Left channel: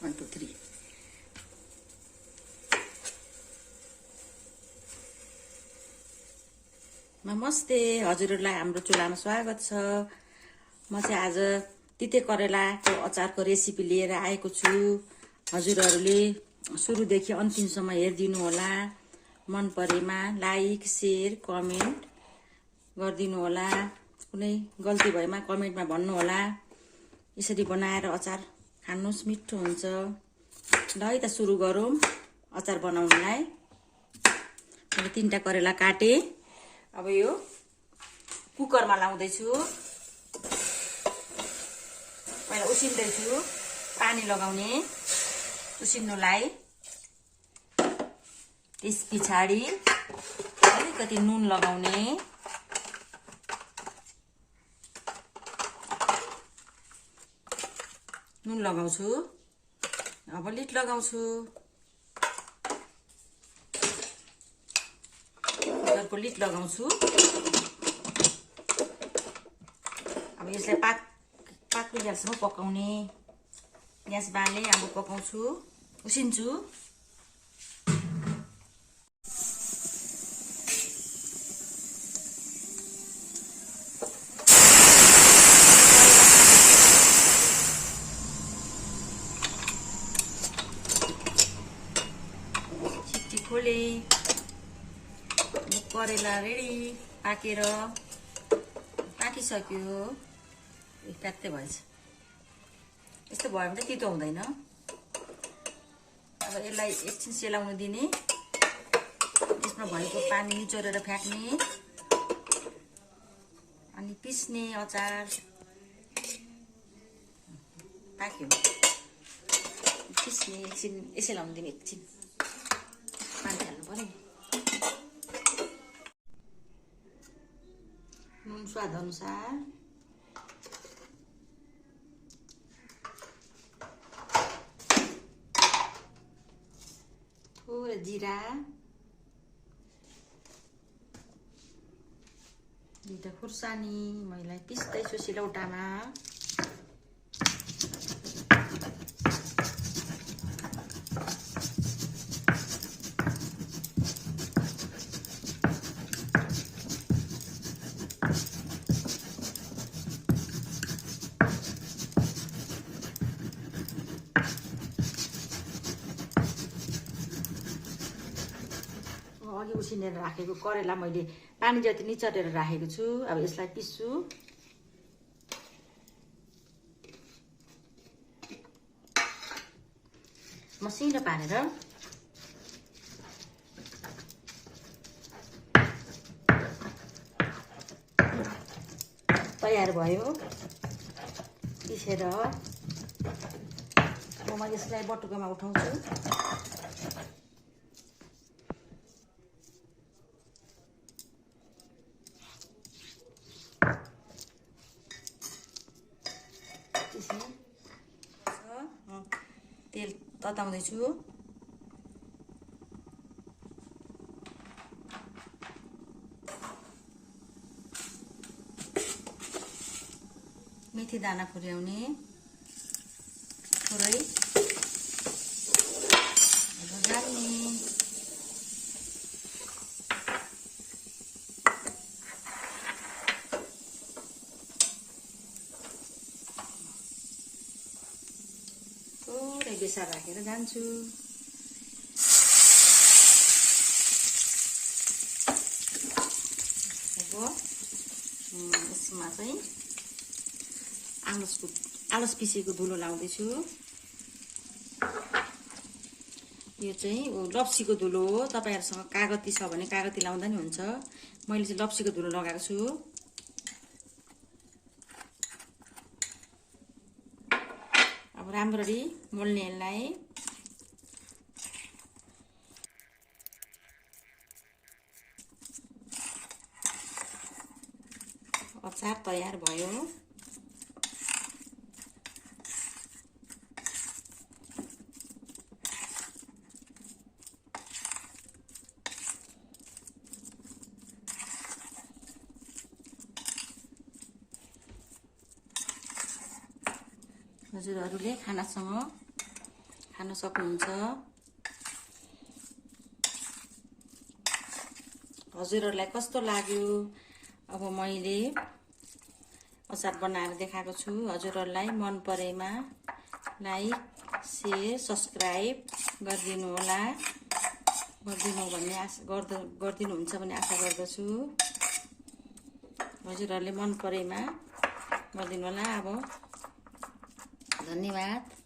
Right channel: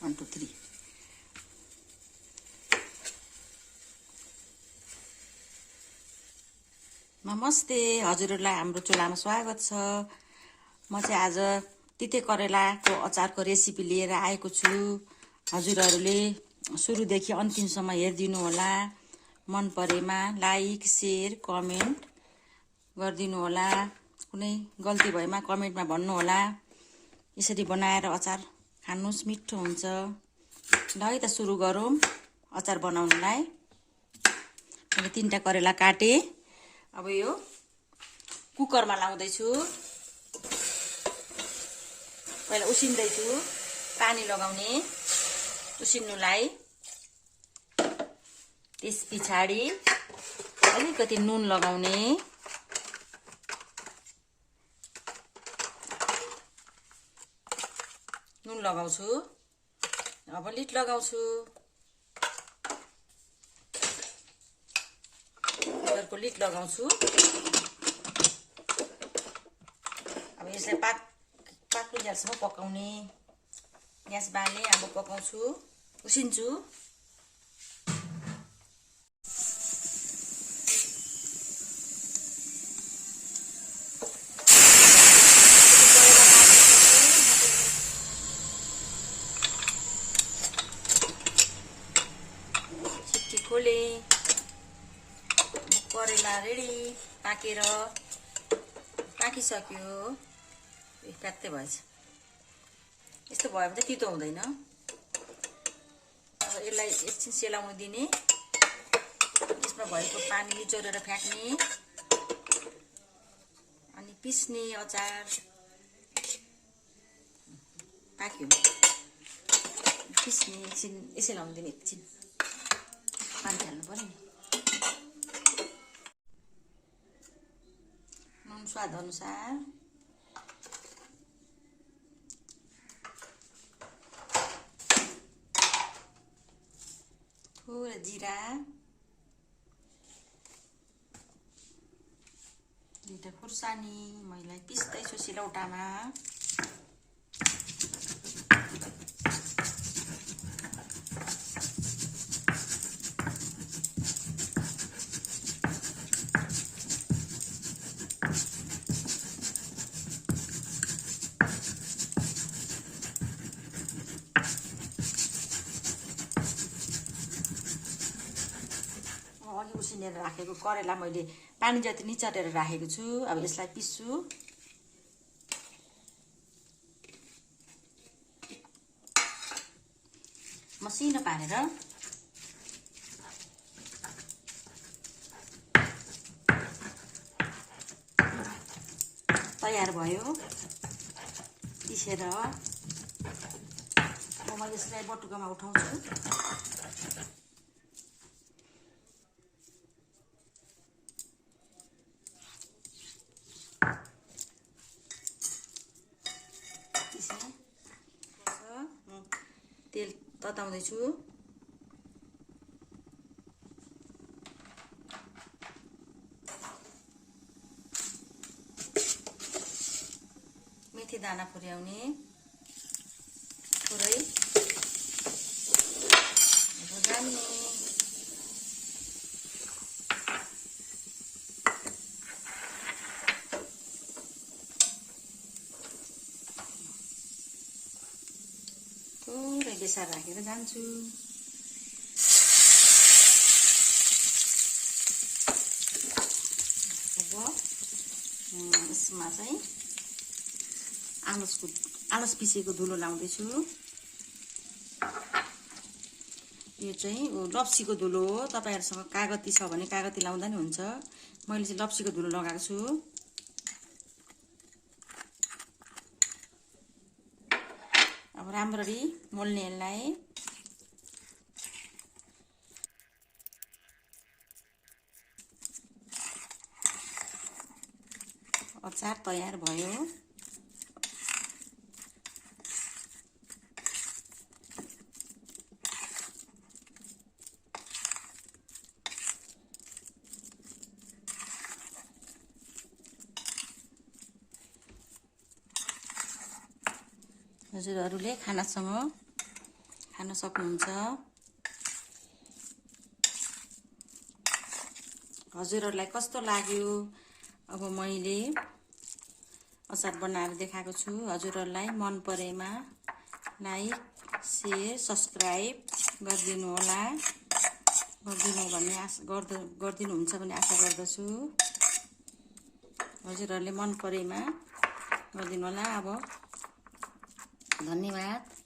1 2 3 नमस्ते, हजुरहरूलाई हाम्रो चुलामा स्वागत छ। म चाहिँ आज तिते करेलाको अचारको रेसिपी लिएर आएको छु। हजुरहरूले सुरुदेखि अन्तिमसम्म हेरिदिनु होला। मन परेमा लाइक, शेयर, कमेन्ट गरिदिनु होला। कुनै गल्ती भएमा कमेन्टमा भन्नु होला। यसरी बनाएर अचार खानुस्, मिठो हुन्छ। ल है त सुरु गरौँ अचार बनाउनलाई। मैले 3टा करेला काटे। अब यो कुकरमा लाउँदैछु। पहिला उसिन्दैछु, पानी लगाउने उसिन्नुलाई। त्यस पछाडि अलिकति नुन लगाउने। नुन लगाउँछु। अब लिड लगाउँछु। कुकरको लिड लगाउँछु। अब यसलाई पाक्नुन्जेलसम्म पकाउने। ग्यास बाल्ने। अब पकाउँछु, उसिन्छु। छिट्टी खोले। करेला रेडी, पाकिसक्यो। ट्याक्कै भएछ। यस्तो भयो भने चाहिँ तितो हुँदैन। अब यसलाई एकछिन सेलाउनु दिने। यसमा भएको पानी निचोरेर फ्याँक्ने अनि पिस्ने अचार। पाक्यो, पिस्ने। एकछिन यसै लाउनु दिने। एकछिन पानी हाल्नु पर्यो। नुन स्वाद अनुसार। थोरै जिरा। 2टा खुर्सानी मैले पिस्दैछु सिलौटामा। अघि उसिनेर राखेको करेला मैले पानी जति निचोरेर राखेको छु। अब यसलाई पिस्छु। मसिनो पारेर। तयार भयो पिसेर। अब म यसलाई बटुकोमा उठाउँछु। तेल तताउँदैछु। मेथी दाना पुर्याउने पुरै गाल्ने। थोरै बेसार राखेर जान्छु। अब यसमा चाहिँ आलस पिसेको धुलो लाउँदैछु। यो चाहिँ लप्सीको धुलो हो। तपाईहरुसँग कागती छ भने कागती लाउँदा नि हुन्छ। मैले चाहिँ लप्सीको धुलो लगाएको छु। अब राम्ररी मोल्ने यसलाई। अचार तयार भयो। हजुरहरूले खानासँग खान सक्नुहुन्छ। हजुरहरूलाई कस्तो लाग्यो? अब मैले अचार बनाएर देखाएको छु। हजुरहरूलाई मन परेमा लाइक, शेयर, सब्स्क्राइब गरिदिनु होला। गरिदिनुहुन्छ भन्ने आशा गर्दछु। हजुरहरूले मन परेमा गरिदिनु होला। अब धन्यवाद।